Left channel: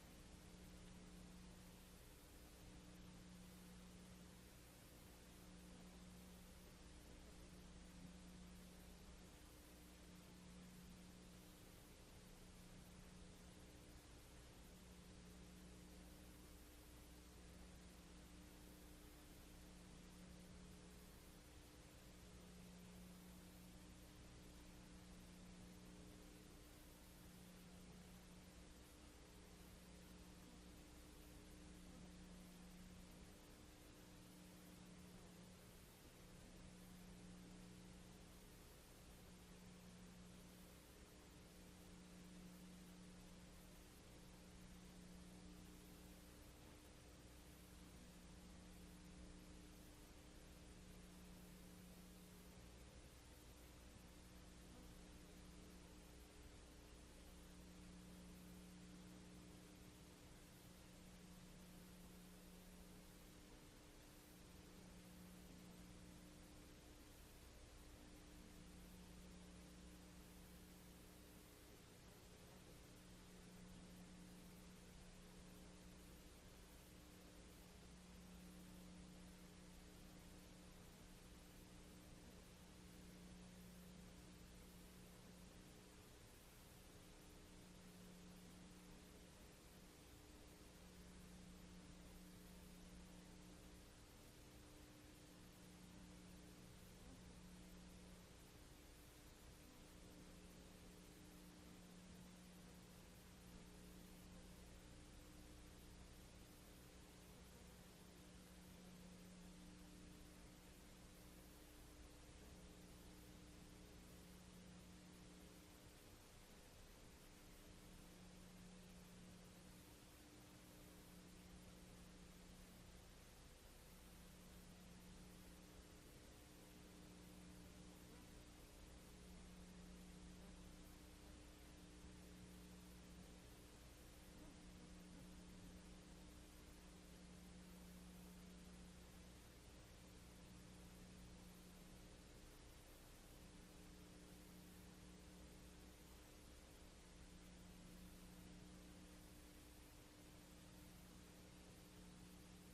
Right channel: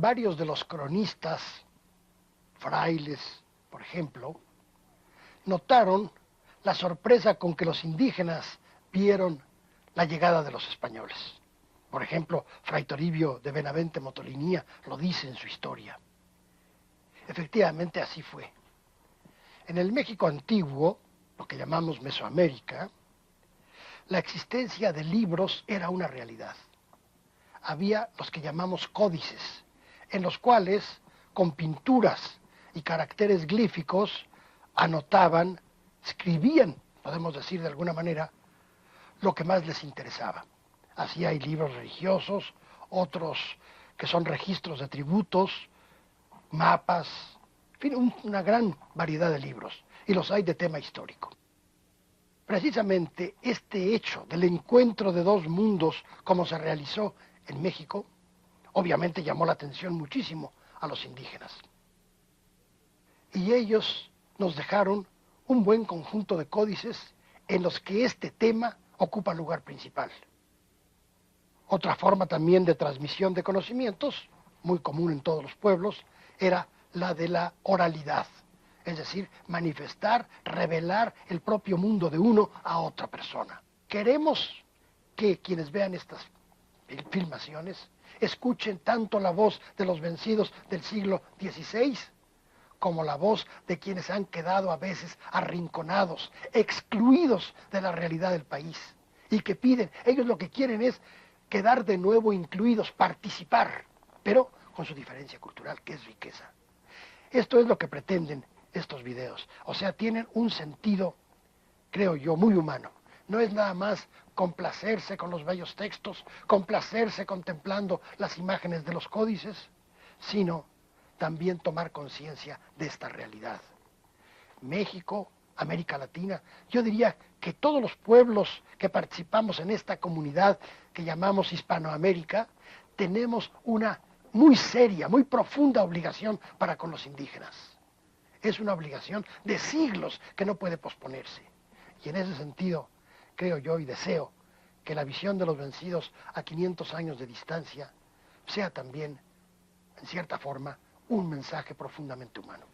Varios de los cronistas, frailes, por ejemplo, notaron la sorpresa con que los indígenas vieron la llegada de los españoles. Por ejemplo, Fray Toribio de Benavente Motolinía lo dice en su historia. Efectivamente, así fue. En el México antiguo, lo que llamamos Mesoamérica, la existencia de libros era una realidad. Había los que llamamos códices, en los cuales, con pinturas y caracteres glíficos, anotaban, escribían, podemos decir de alguna manera, lo que más les interesaba. Así hay libros religiosos, otros que son registros de tributos, mapas, en fin, una gran variedad de libros, y los hay de tema histórico. Precisamente este hecho del encuentro de dos mundos, como se realizó en México, obviamente llamó la atención muchísimo a los indígenas. Y ellos nos dejaron un buen conjunto de códices en los que este tema ocupa lugar principal. Otra forma también de transmisión de conocimientos, muy común en todos los pueblos, era la de la oralidad, es decir, manifestar, revelar el propio mundo de uno a otra persona. Queremos que quienes vean estas filmaciones escuchen tanto la voz de los vencidos del siglo XVI como la voz de quienes han quedado a veces arrinconados, excluidos de la realidad del país y que piden, ellos lo que quieren es quedar de nuevo incluidos, participar, pero con su diferencia cultural, que es riqueza. Esto es lo que pretenden estos videos, o sea, tienen un sentido, creo yo, muy humano. No es nada más complacerse con los bellos textos, complacerse contemplando las imágenes de los códices, sino también tomar conciencia de esta realidad. México, América Latina, yo diría que todos los pueblos que participamos en esta comunidad que llamamos Hispanoamérica, tenemos una muy seria, muy profunda obligación para con los indígenas. Es una obligación de siglos que no puede posponerse. Y en ese sentido, creo yo y deseo que la visión de los vencidos a 500 años de distancia sea también, en cierta forma, un mensaje profundamente humano.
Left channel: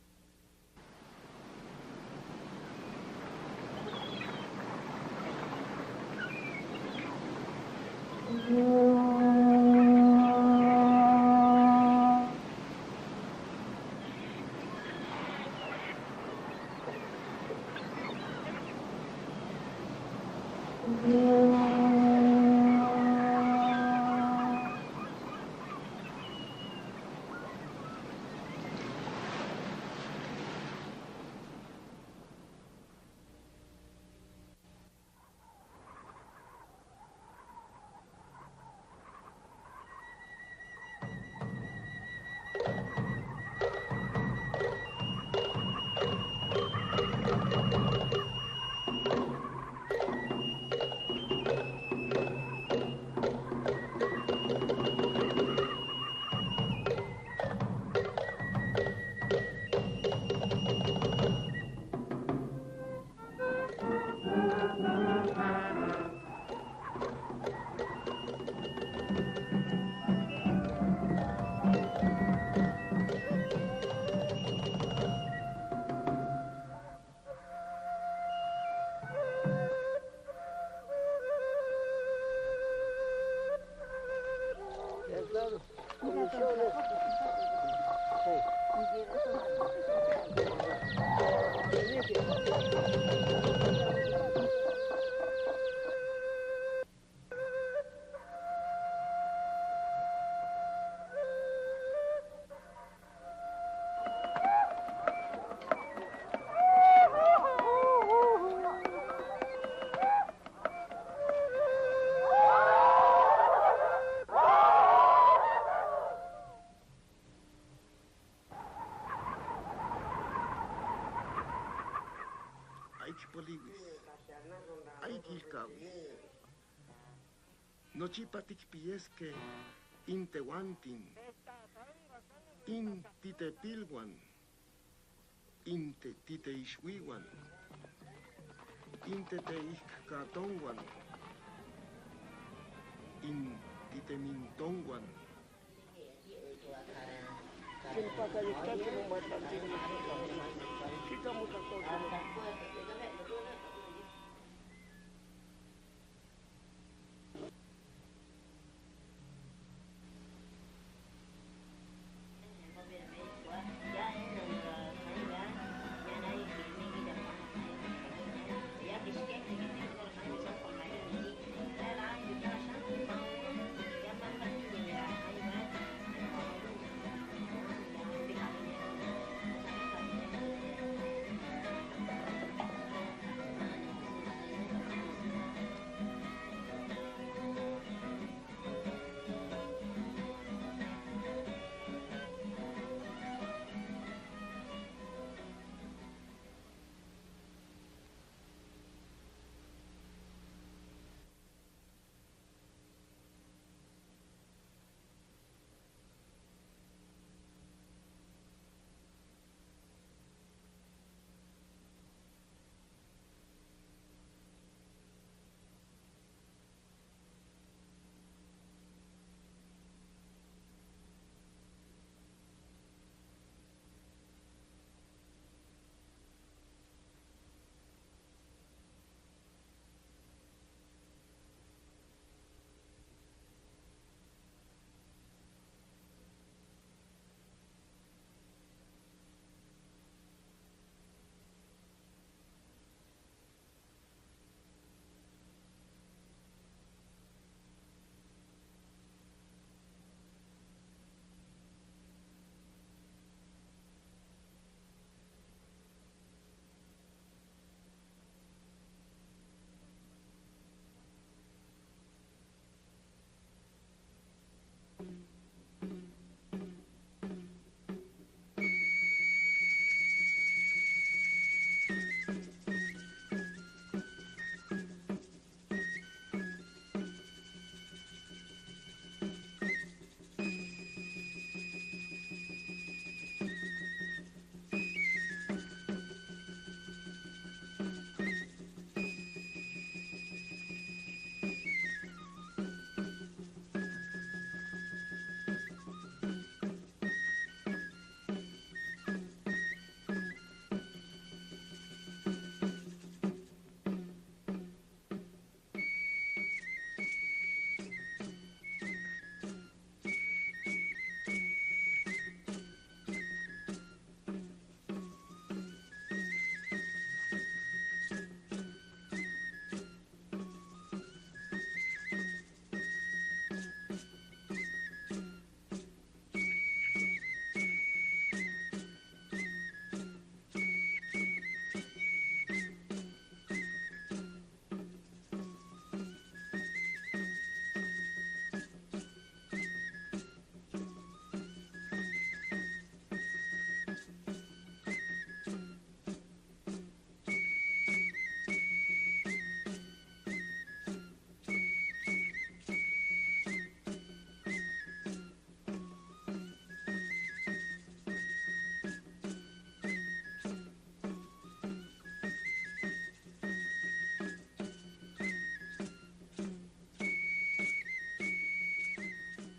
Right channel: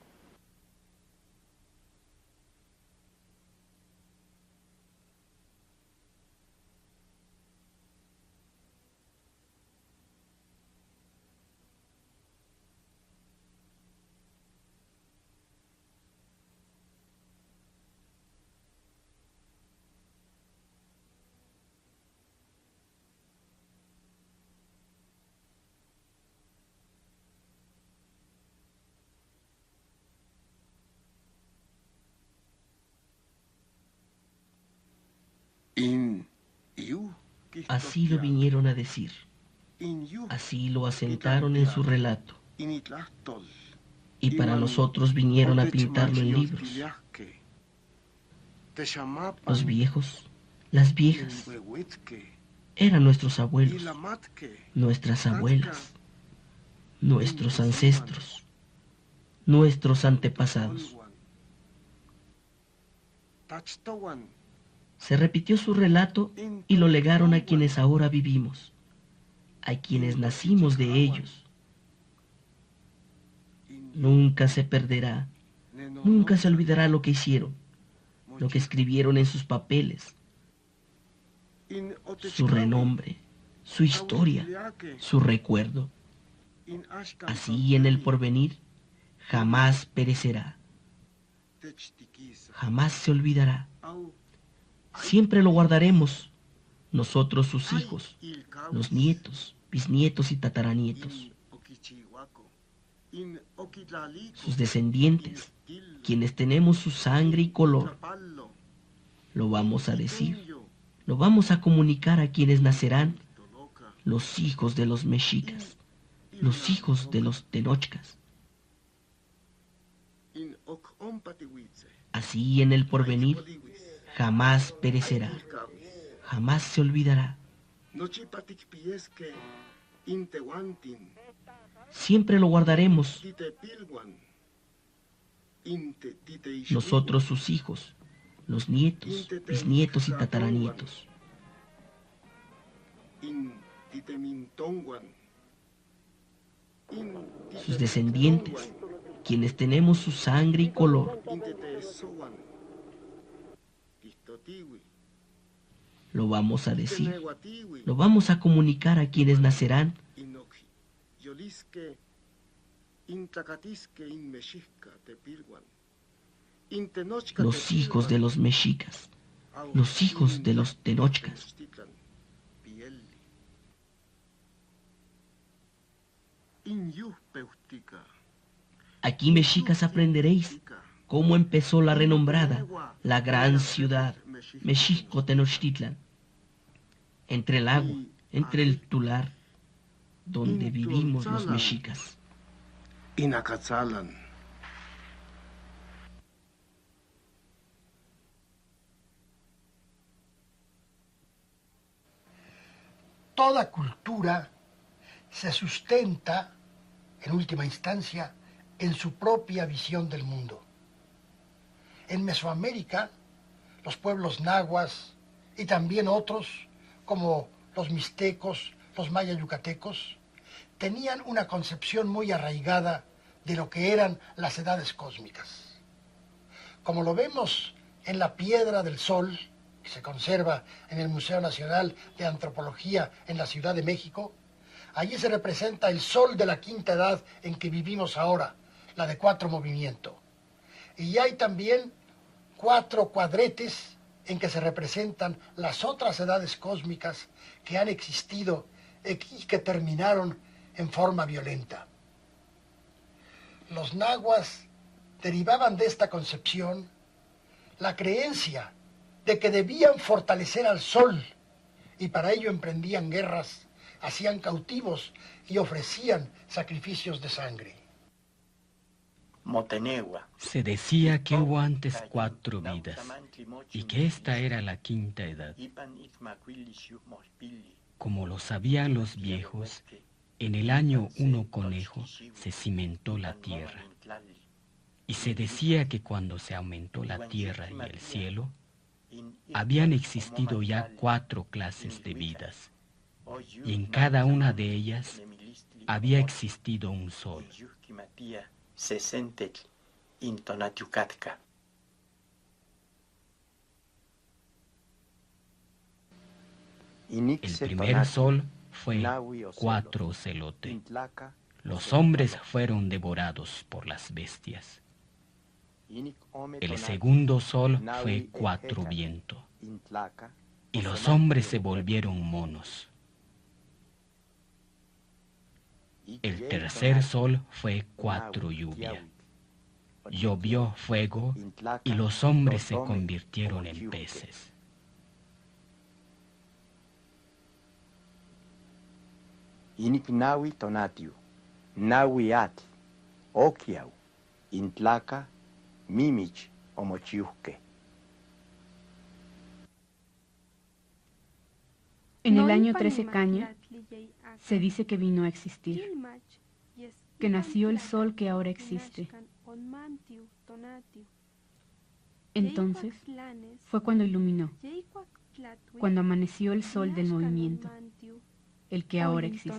Así lo vinieron a decir, así lo asentaron en su relato, y para nosotros vinieron a pintarlo en libros. Los viejos, las viejas, eran nuestros abuelos, nuestras abuelas, nuestros ancestros, nuestros antepasados. Se repitió su relato y lo legaron a quienes ahora vivimos, a quienes nacimos de ellos. Nunca se perderá, nunca se olvidará lo que hicieron, lo que escribieron en sus papeles, su renombre, su historia, su recuerdo. Así en el porvenir jamás perecerá, jamás se olvidará. Siempre lo guardaremos, nosotros sus hijos, los nietos, bisnietos y tataranietos. Sus descendientes, quienes tenemos su sangre y color. Lo vamos a decir, lo vamos a comunicar a quienes nacerán, los hijos de los mexicas, los hijos de los tenochcas. Así en el porvenir jamás perecerá, jamás se olvidará. Siempre lo guardaremos, nosotros sus hijos, los nietos, bisnietos y tataranietos. sus descendientes, quienes tenemos su sangre y color. Lo vamos a decir, lo vamos a comunicar a quienes nacerán. Los hijos de los mexicas, los hijos de los tenochcas. Aquí, mexicas, aprenderéis cómo empezó la renombrada, la gran ciudad, México Tenochtitlan, entre el lago, entre el Tular, donde vivimos los mexicas. Inacatzalan. Toda cultura se sustenta, en última instancia, en su propia visión del mundo. En Mesoamérica, los pueblos nahuas y también otros, como los mixtecos, los mayas yucatecos, tenían una concepción muy arraigada de lo que eran las edades cósmicas. Como lo vemos en la Piedra del Sol, que se conserva en el Museo Nacional de Antropología en la Ciudad de México, allí se representa el sol de la quinta edad en que vivimos ahora, la de 4 movimientos. Y hay también 4 cuadretes en que se representan las otras edades cósmicas que han existido y que terminaron en forma violenta. Los nahuas derivaban de esta concepción la creencia de que debían fortalecer al sol y para ello emprendían guerras, hacían cautivos y ofrecían sacrificios de sangre. Se decía que hubo antes 4 vidas y que esta era la quinta edad. Como lo sabían los viejos, en el año 1 conejo se cimentó la tierra. Y se decía que cuando se aumentó la tierra y el cielo, habían existido ya 4 clases de vidas, y en cada una de ellas había existido un sol. El primer sol fue 4 ocelote. Los hombres fueron devorados por las bestias. El segundo sol fue 4 viento. Y los hombres se volvieron monos. El tercer sol fue 4 lluvia. Llovió fuego y los hombres se convirtieron en peces. Inik nawi tonatiu, nawi at, okiau, intlaca, mimich, omochiuque. En el año 13 Cañas se dice que vino a existir, que nació el sol que ahora existe. Entonces fue cuando iluminó, cuando amaneció el sol del movimiento, el que ahora existe.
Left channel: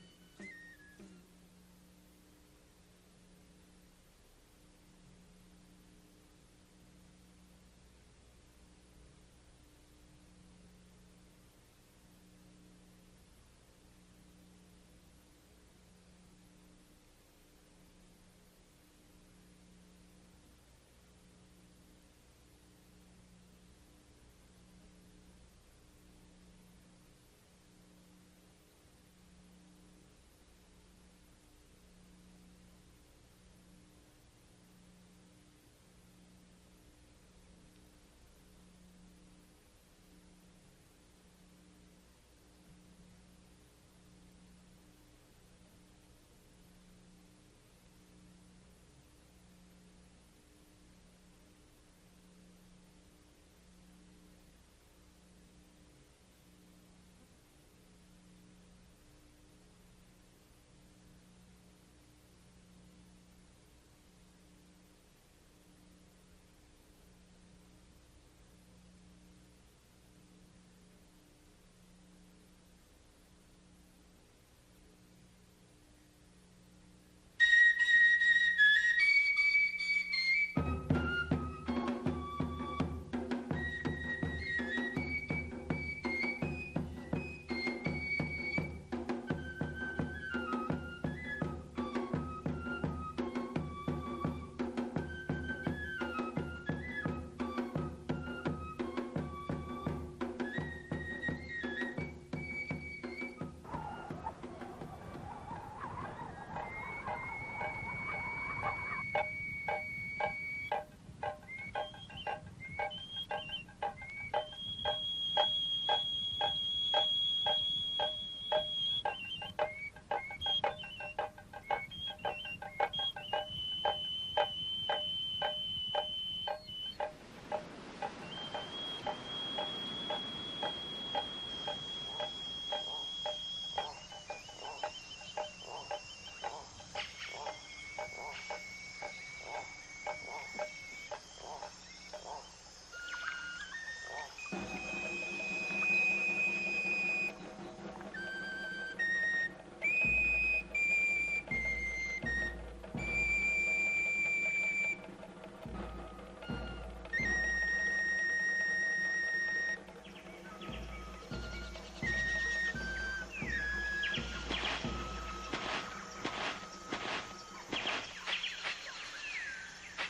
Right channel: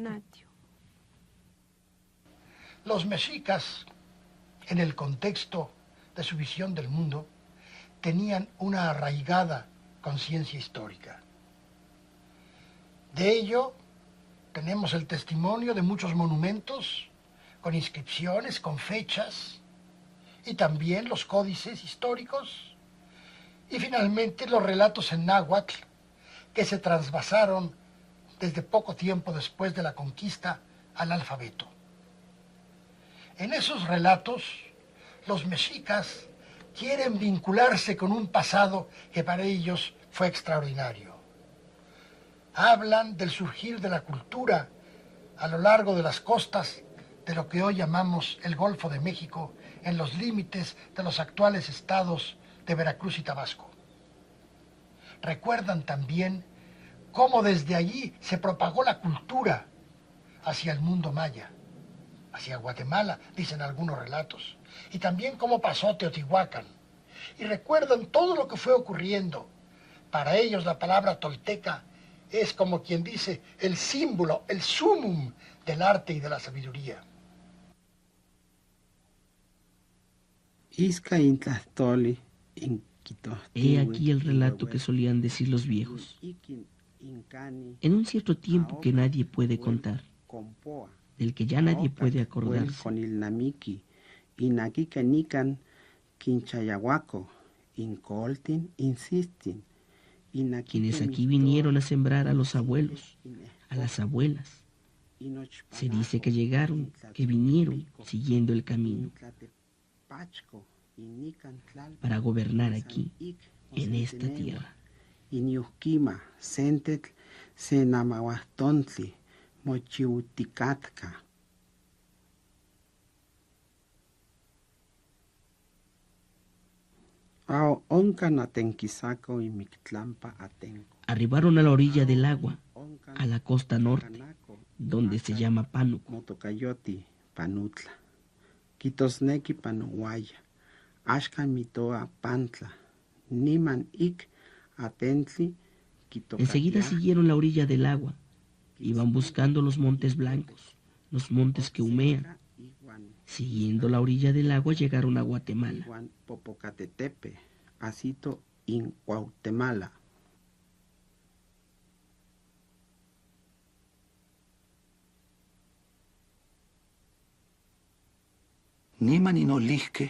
Los mexicas, en el contexto de su visión del mundo, tenían una arraigada conciencia histórica. De ello tenemos el testimonio de muchos monumentos con inscripciones, con fechas, y también los códices históricos, y finalmente los relatos en náhuatl que se trasvasaron desde poco tiempo después de la conquista al alfabeto. En esos relatos, los mexicas quieren vincularse con un pasado que para ellos fue extraordinario. Hablan del surgir de la cultura a lo largo de las costas de lo que hoy llamamos el Golfo de México, en los límites de los actuales estados de Veracruz y Tabasco. Recuerdan también cómo desde allí se propagó la cultura hacia el mundo maya, hacia Guatemala, dicen algunos relatos, y también cómo pasó Teotihuacán. Y recuerdan todo lo que fue ocurriendo. Para ellos la palabra tolteca es como quien dice el símbolo, el sumum del arte y de la sabiduría. Isca intlastoli He aquí el relato que solían decir los viejos. En un cierto tiempo que nadie puede contar, del que ya nadie puede acordarse, con el namiki, inakika nikan, quinchayahuaco, incoltin, insistin, quienes aquí vinieron a sembrar a los abuelos, a las abuelas. Se dice que llegaron, que vinieron siguiendo el camino para gobernar aquí, en esta tierra. Iñuquima, Sentec, Senamahuastontli, Mochiuticatka. Pao onca natenquisaco Inoctlampa Catén. Arribaron a la orilla del agua, a la costa norte, donde se llama Pano. Motocayoti, Panutla. Quitosnequi Panoguaya. Ashkan mitoa Pantla. Niman ik Atentli. Enseguida siguieron la orilla del agua. Iban buscando los montes blancos, los montes que humean. Siguiendo la orilla del agua llegaron a Guatemala. Popocatetepe, Asito in Guatemala. Niman inolihke,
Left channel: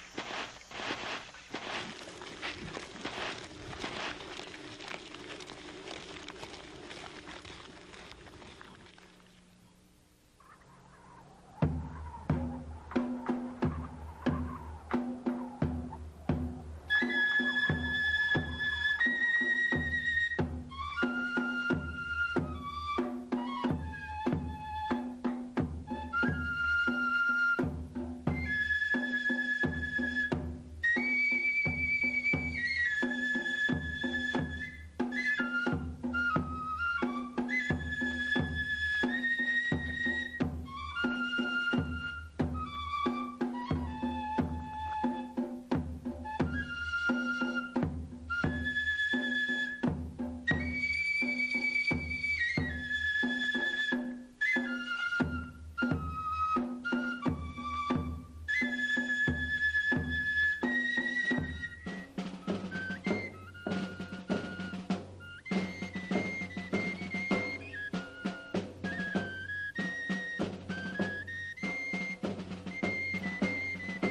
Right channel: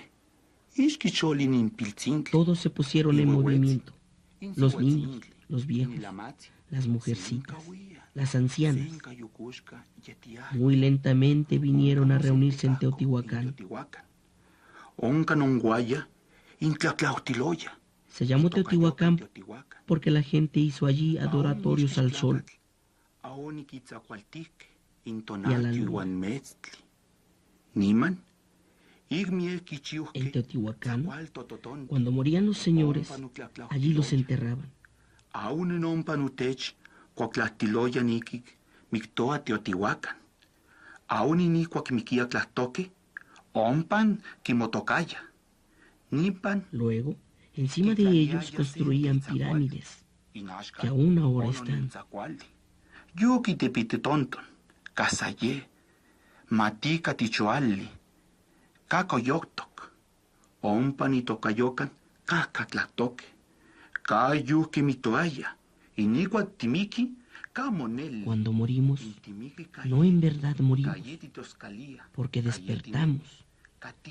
ishkicholin impiltzintle. Todos se pusieron en movimiento. Los niños, los viejos, las mujercitas, las ancianas. Muy lentamente vinieron a reunirse en Teotihuacán. Onca nonguaya, intlaclautiloya. Se llamó Teotihuacán porque la gente hizo allí adoratorios al sol y a la luna. Niman, En Teotihuacán, cuando morían los señores, allí los enterraban. aún non panutech, cuaclatiloya niki, mictoa Teotihuacan. Aún inicuac miquia tlatoque, ompan quimotocaya. Nipan. Luego, encima de ellos construían pirámides, que aún ahora están. Yuki tepite tonto, casaye, matica tichoalli, cacoyoctoc, ompan y tocayocan, cacatlatoque, cayuki mitoaya, inicuac timiki, camonel. Cuando morimos, no en verdad morimos, porque despertamos,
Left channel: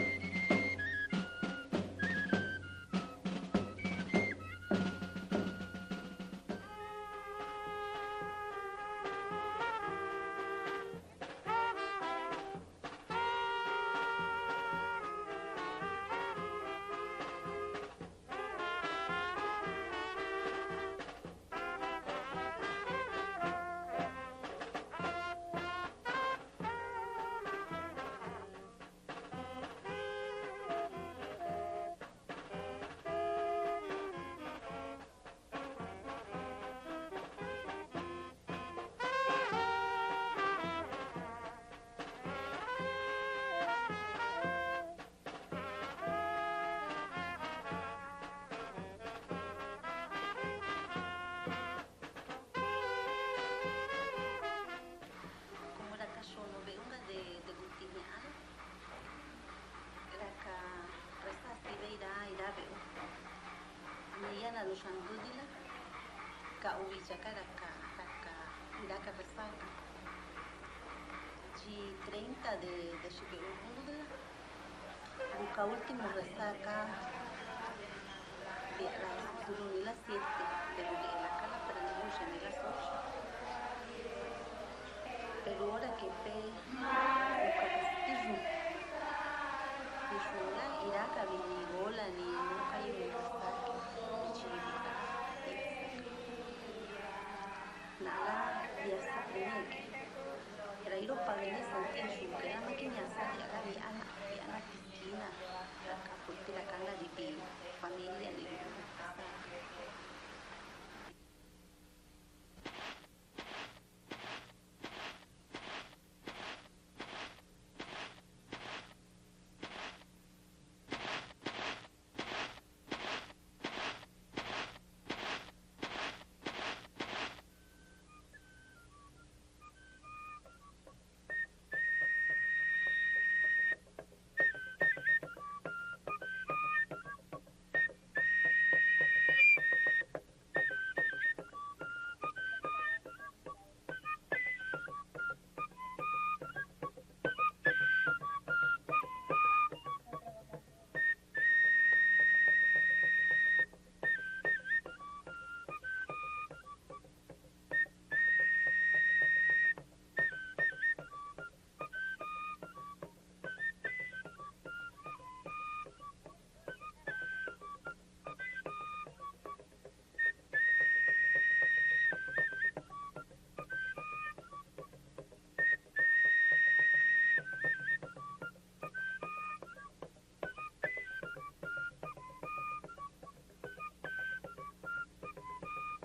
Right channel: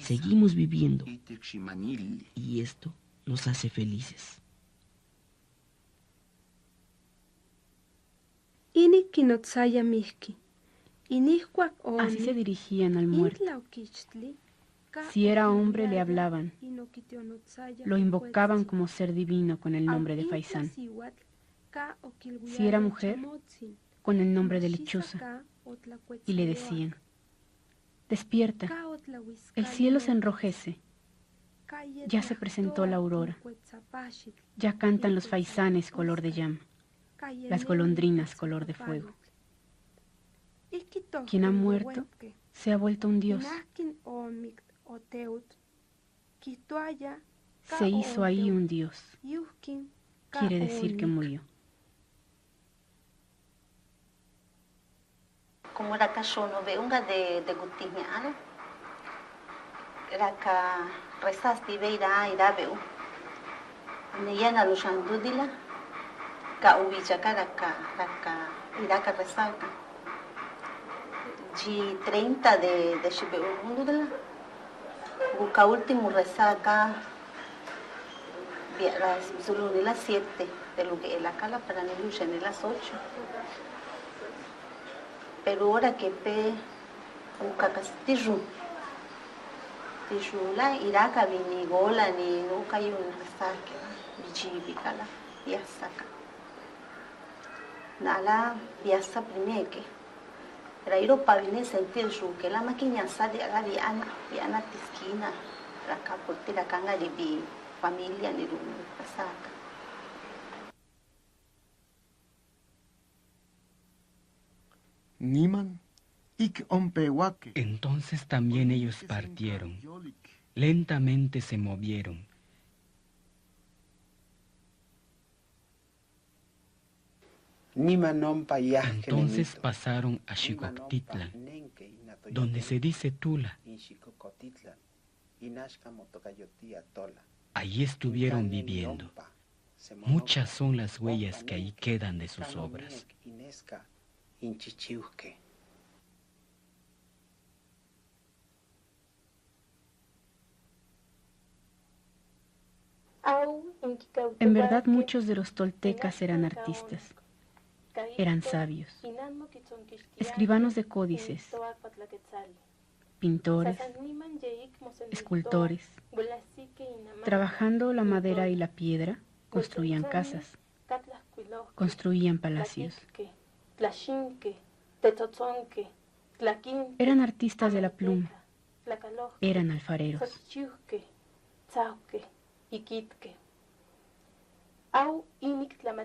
seguimos viviendo, y esto nos hace felices. Inik kinotzaya mihki. Inihkua o. Así se dirigían al muerto. Si era hombre, le hablaban. Lo invocaban como ser divino con el nombre de Faisán. Si era mujer, con el nombre de lechuza. Y le decían: despierta, el cielo se enrojece. Ya se presentó la aurora. Ya cantan los faisanes color de llama, las golondrinas color de fuego. Quien ha muerto se ha vuelto un dios. Se hizo ahí un dios. Quiere decir que murió. Como era cachono, veunga de Gutimeana, era que rezas viveira ira veu. Neyana lushandudila, ka ubichaka raka iraka rezaka. De 30 de Shibeu, busca último resaca, las Zuluni las 7, de lo que la cala para Nilusha en las 8. Pero ahora que pe busca castillo, la iraka ni gola ni nunca hay un resaca, bichibicala, piasaca. Nala piasa primeke. Era ir para venir sentir que la máquina sale a la viana tisquina, la capote la canga de mi familia ni de un pasaca. Niman, ik ompehuaque. Entonces también ellos partieron, lentamente se movieron. Entonces pasaron a Xicoctitlan, donde se dice Tula, Allí estuvieron viviendo. Muchas son las huellas que ahí quedan de sus obras. En verdad, muchos de los toltecas eran artistas, eran sabios, escribanos de códices, pintores, escultores. Trabajando la madera y la piedra, construían casas, construían palacios. Eran artistas de la pluma, eran alfareros.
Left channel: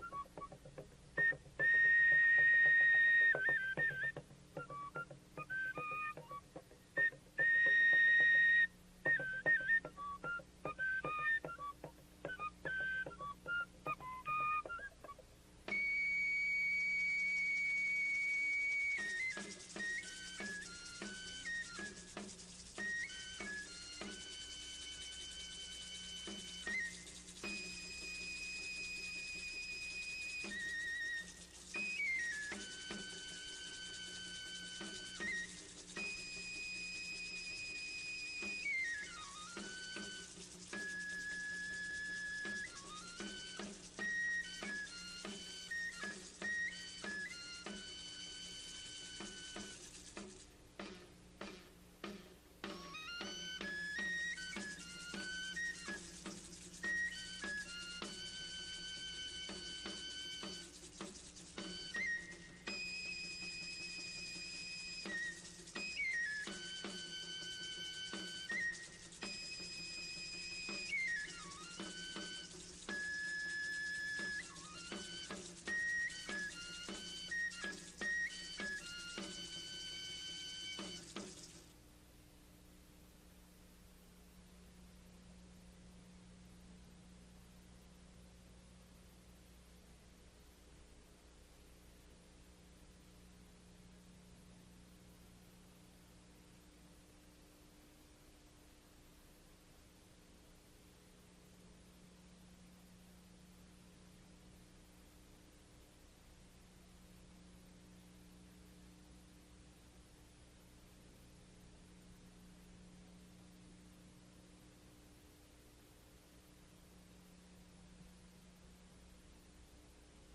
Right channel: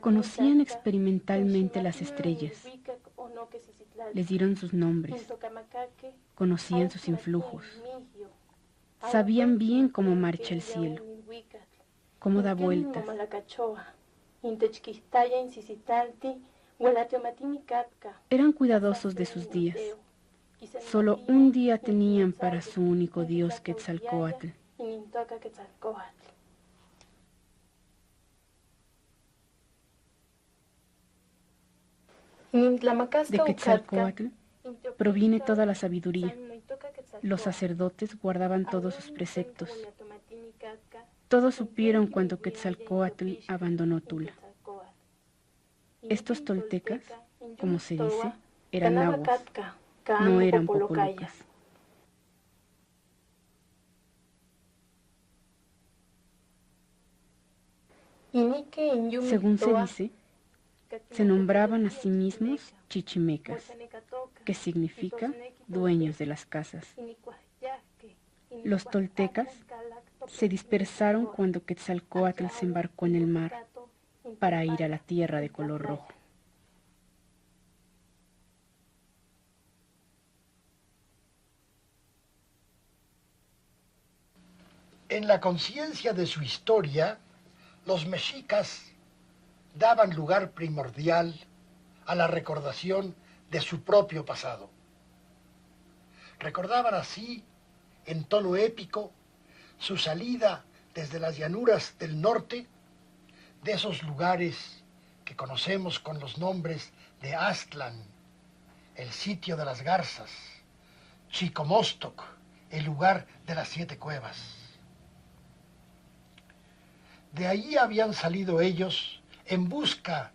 Conocían experimentalmente las estrellas, les dieron sus nombres, conocían sus influjos, sabían bien cómo marcha el cielo, cómo da vueltas. Eran cuidadosos de sus días. Solo un día tenían para su único dios Quetzalcóatl. De Quetzalcóatl proviene toda la sabiduría. Los sacerdotes guardaban todos sus preceptos. Todos supieron cuando Quetzalcóatl abandonó Tula. Estos toltecas, como se dice, eran nahuas, no eran popolucas. Según se dice, se nombraban a sí mismos chichimecas, que significa dueños de las casas. Los toltecas se dispersaron cuando Quetzalcóatl se embarcó en el mar para ir a la tierra de color rojo. En la conciencia de su historia, los mexicas daban lugar primordial a la recordación de su propio pasado. Recordaban así, en tono épico, su salida desde las llanuras del norte, de esos lugares que conocemos con los nombres de Aztlán, el sitio de las garzas, Chicomostoc, el lugar de las 7 cuevas. De allí habían salido ellos en busca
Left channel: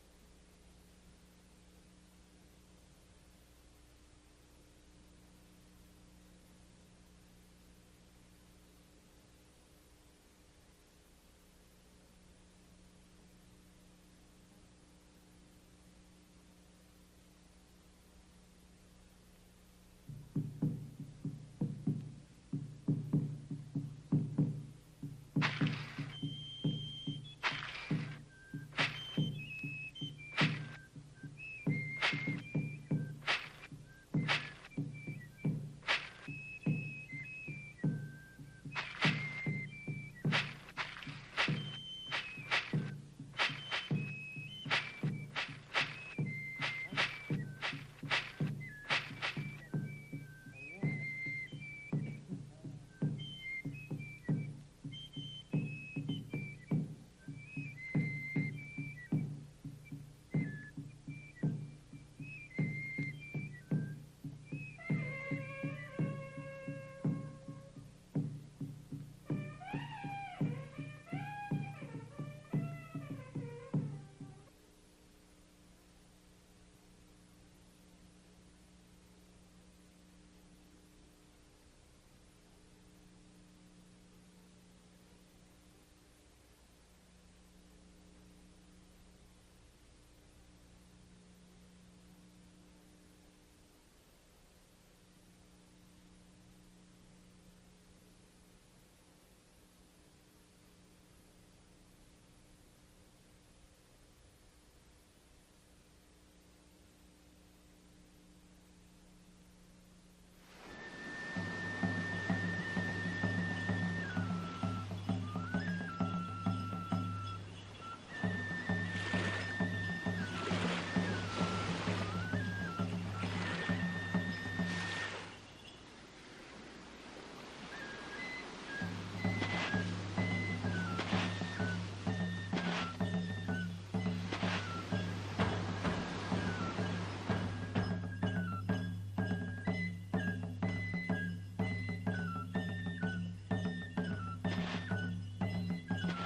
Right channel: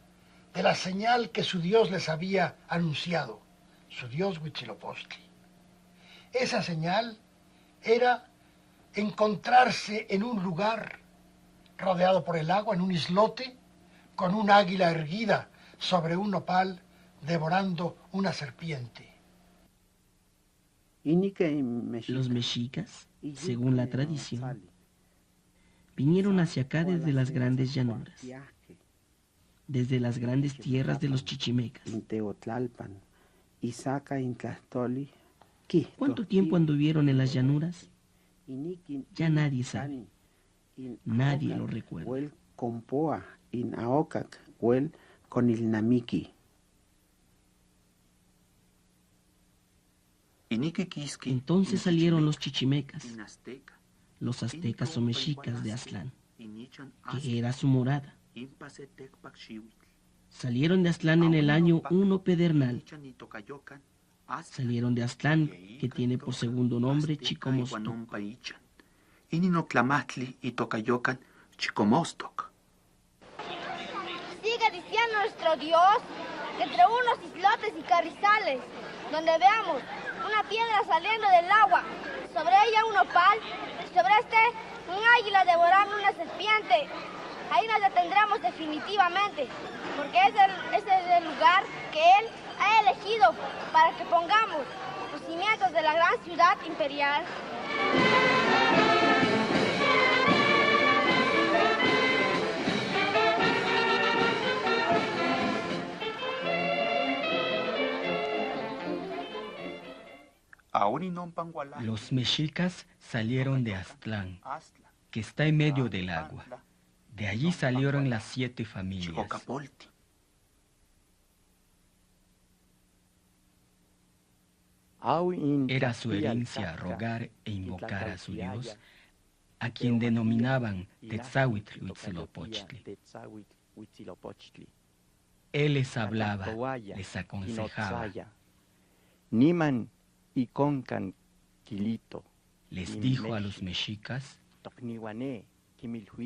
de la señal que su Dios les había anunciado, su Dios Huitzilopochtli. Esa señal era encontrarse en un lugar rodeado por el agua, en un islote, con un águila erguida sobre un nopal, devorando una serpiente. Los mexicas, según la tradición, vinieron hacia acá desde las grandes llanuras, desde las grandes tierras de los chichimecas. ¿Cuánto tiempo anduvieron en las llanuras? Ya nadie sabe. Nadie lo recuerda. Entonces salieron los chichimecas, los aztecas o mexicas de Aztlán, que era su morada. Salieron de Aztlán en el año 1 pedernal. Salieron de Aztlán, que tiene por segundo nombre Chicomostoc. Sigue diciendo nuestro Dios que entre unos islotes y carrizales, donde veamos una piedra saliendo del agua, sobre ella un opal, y sobre este un águila devorando una serpiente, ahí nos detendremos definitivamente, porque ese es el lugar que Él ha elegido para que pongamos los cimientos de la gran ciudad imperial. Los mexicas salieron de Aztlán, que está en medio del agua. De allí salieron las 7 familias. Era su herencia rogar e invocar a su Dios a quien denominaban Quetzalhuitzilopochtli. Él les hablaba, les aconsejaba. Niman y concan Quilito. Les dijo a los mexicas:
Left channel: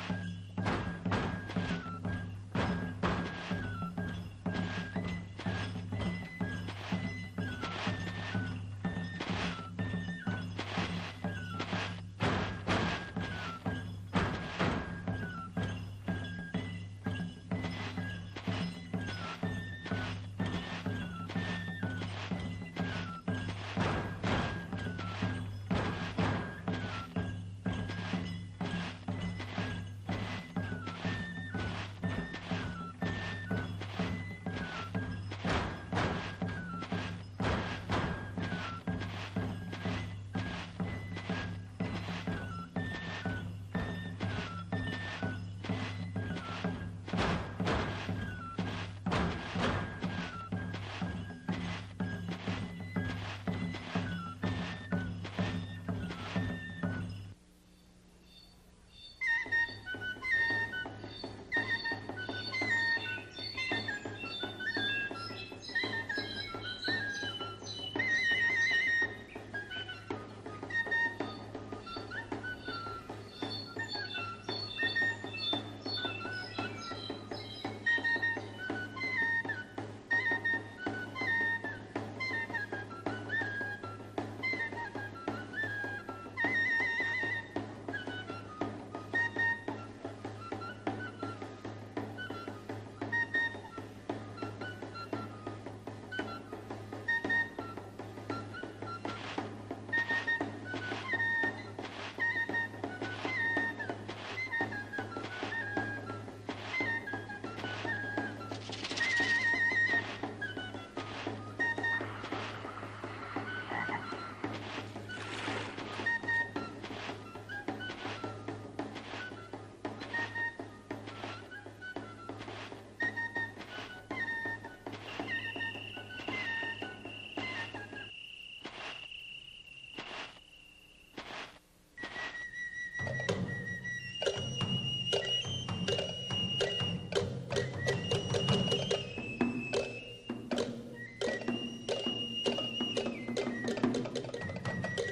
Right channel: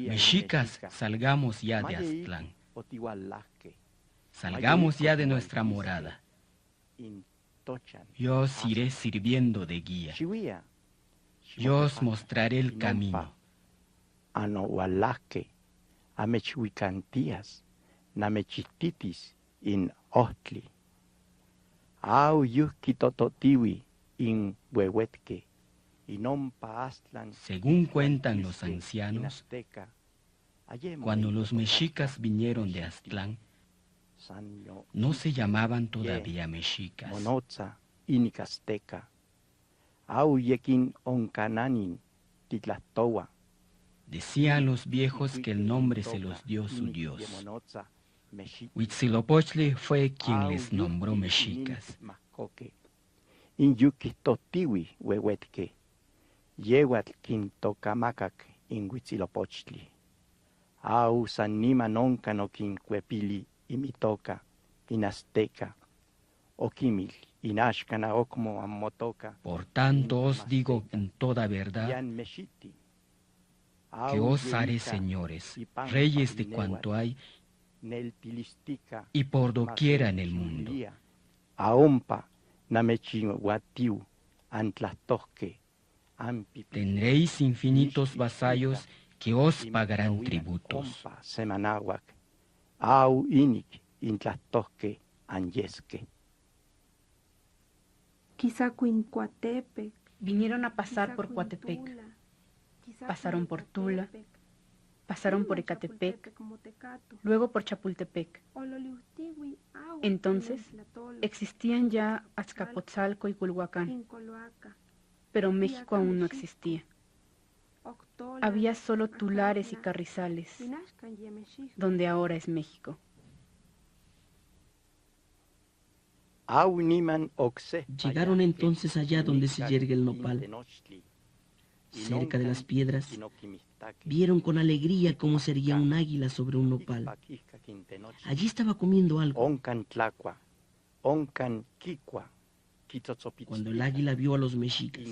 mexicas, salgamos ya de Aztlán. Salgamos ya de nuestra morada. Yo os iré sirviendo de guía. Yo os mostraré el camino. Anohualaque, amechuicantías, namechititis, in ostli. Au yuki tototiwi, in huehuete, inompa Aztlán. Según cuentan los ancianos, cuando los mexicas vinieron de Aztlán, no se llamaban todavía mexicas. Monoza, inicasteca. Au yekin oncananin, titlatowa. Decían los viejos que el nombre se los dio su dios. Huitzilopochtli fue quien les nombró mexicas. In yuki totiwi, huehuete. Yehuatl quintocamacac in Huitzilopochtli. Au sanima nonca no quincuepili, in toca, in azteca. Okimil, in ashkana okmo amotoca. Por tanto os digo con toda verdad que os haré señores, reyes de cuanto hay y por doquiera en el mundo. Aompa, namechin guatiu, antlastoque. Tendréis infinitos vasallos que os pagarán tributos. Semanagua, au ini, intlastoque, anyesque. Quizá Cuincuatepe. Vinieron a pasar por Coatepec. Pasaron por Tula, pasaron por Ecatepec, luego por Chapultepec. Entonces existían ya Azcapotzalco y Culhuacán, pero México aún no existía. Había solo tulares y carrizales, donde ahora es México. Llegaron entonces allá donde se yergue el nopal. Cerca de las piedras, vieron con alegría cómo se erguía un águila sobre un nopal. Allí estaba comiendo algo. Cuando el águila vio a los mexicas,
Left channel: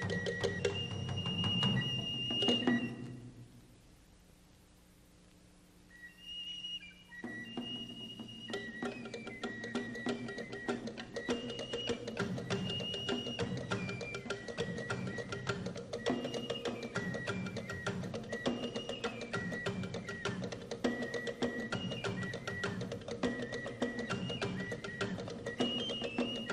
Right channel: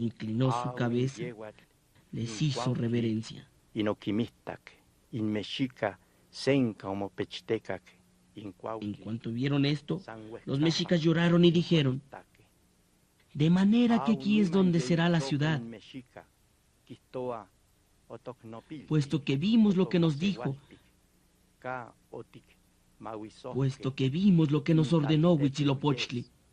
inclinó su cabeza, les hizo reverencia. En cuanto vieron esto, los mexicas lloraron y dijeron: de manera que aquí es donde será la ciudad, puesto que vimos lo que nos dijo, puesto que vimos lo que nos ordenó Huitzilopochtli.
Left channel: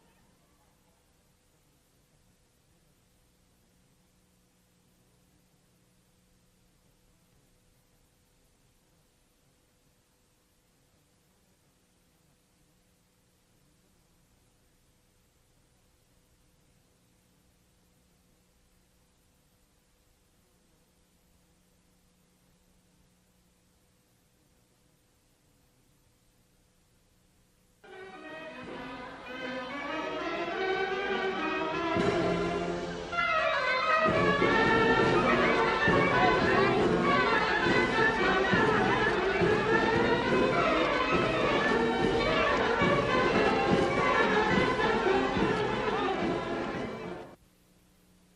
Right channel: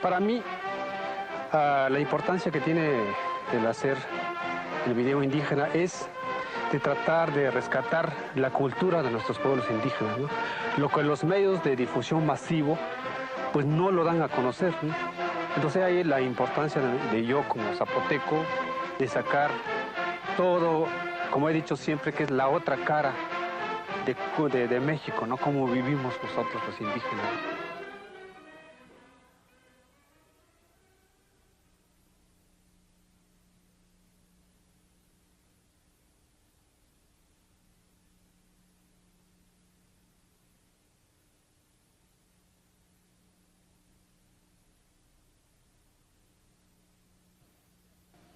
Para mí, la importancia que tiene el hacer el video indígena es de tratar de rescatar la cultura de nuestros pueblos indígenas, ¿no? Lo que los medios de difusión masivo pues no lo dan a conocer, ¿no? Entonces ahí la importancia de yo como zapoteco de sacar todo, como he dicho siempre, que es la otra cara de México, ¿no? Cómo vivimos nosotros los indígenas.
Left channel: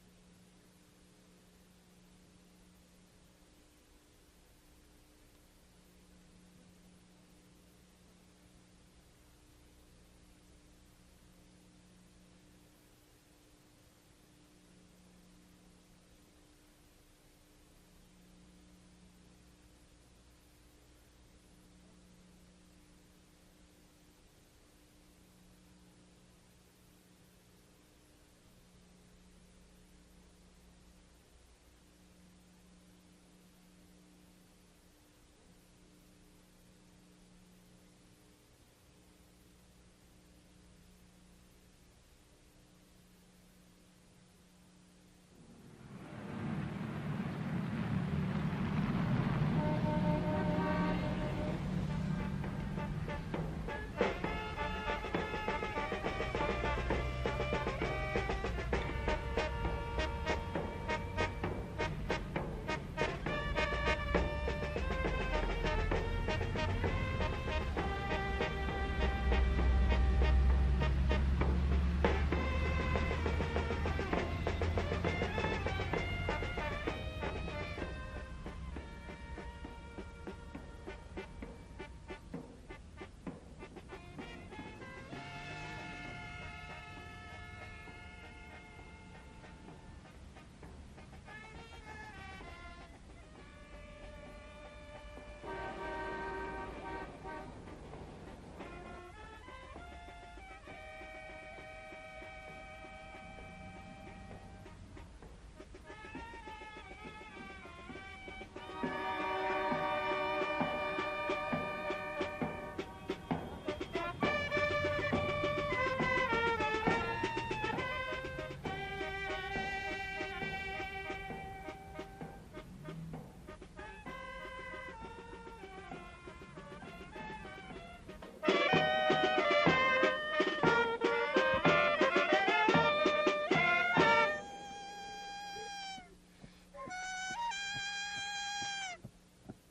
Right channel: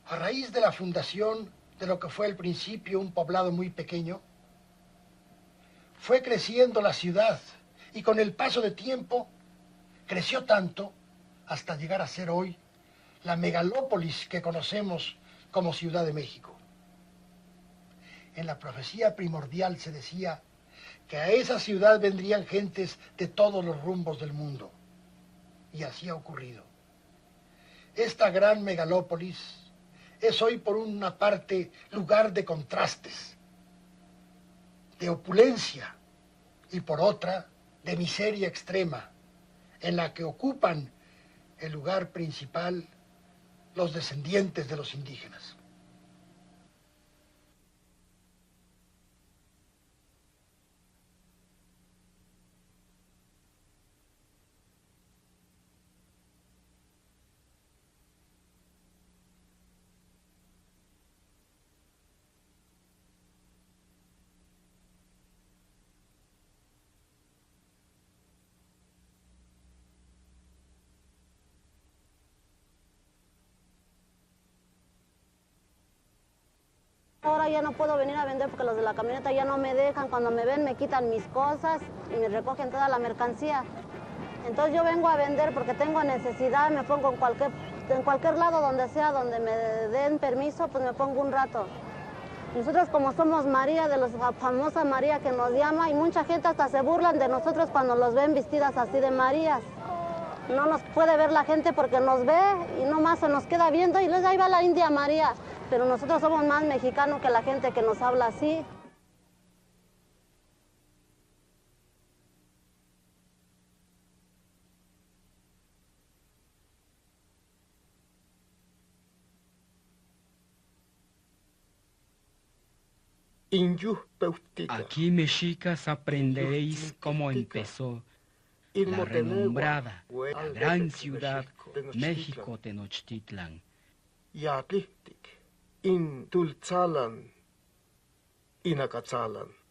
A raíz de la fundación de lo que fue al principio un poblado muy pequeño, fue creciendo la ciudad y con el paso de tiempo creció tanto hasta llegar a ser hoy la megalópolis que conocemos como Ciudad de México. En la profecía primordial se decía que a esa ciudad vendrían gentes de todos los rumbos del mundo. Y así ha ocurrido. Esta gran megalópolis es hoy por una parte lugar de contrastes, de opulencia, y por otra de miseria extrema, en la que ocupan el lugar principal los descendientes de los indígenas. Ahora ya no puedo venir a vender porque los de la camioneta ya no me dejan. Cuando me ven me quitan mis cosas y me recogen toda la mercancía. Entonces yo vengo a vender porque tengo necesidad, me pongo en cualquier lado donde sea, donde me den permiso, pues me pongo un rato. Nosotros como somos María, de la famosa María que nos llama, y mucha gente hasta se burlan de nosotros cuando los ven vestidas así de Marías. No nos puede ver la gente porque nos ve y nomás se nos queda viendo y luego ahí va la India María. Pero nosotros somos más mexicanos que la gente que nos habla así. Aquí, mexicas, aprenderéis cómo empezó la renombrada gran ciudad México Tenochtitlan. Yakihtik, in Tultzalan, Inacatzalan.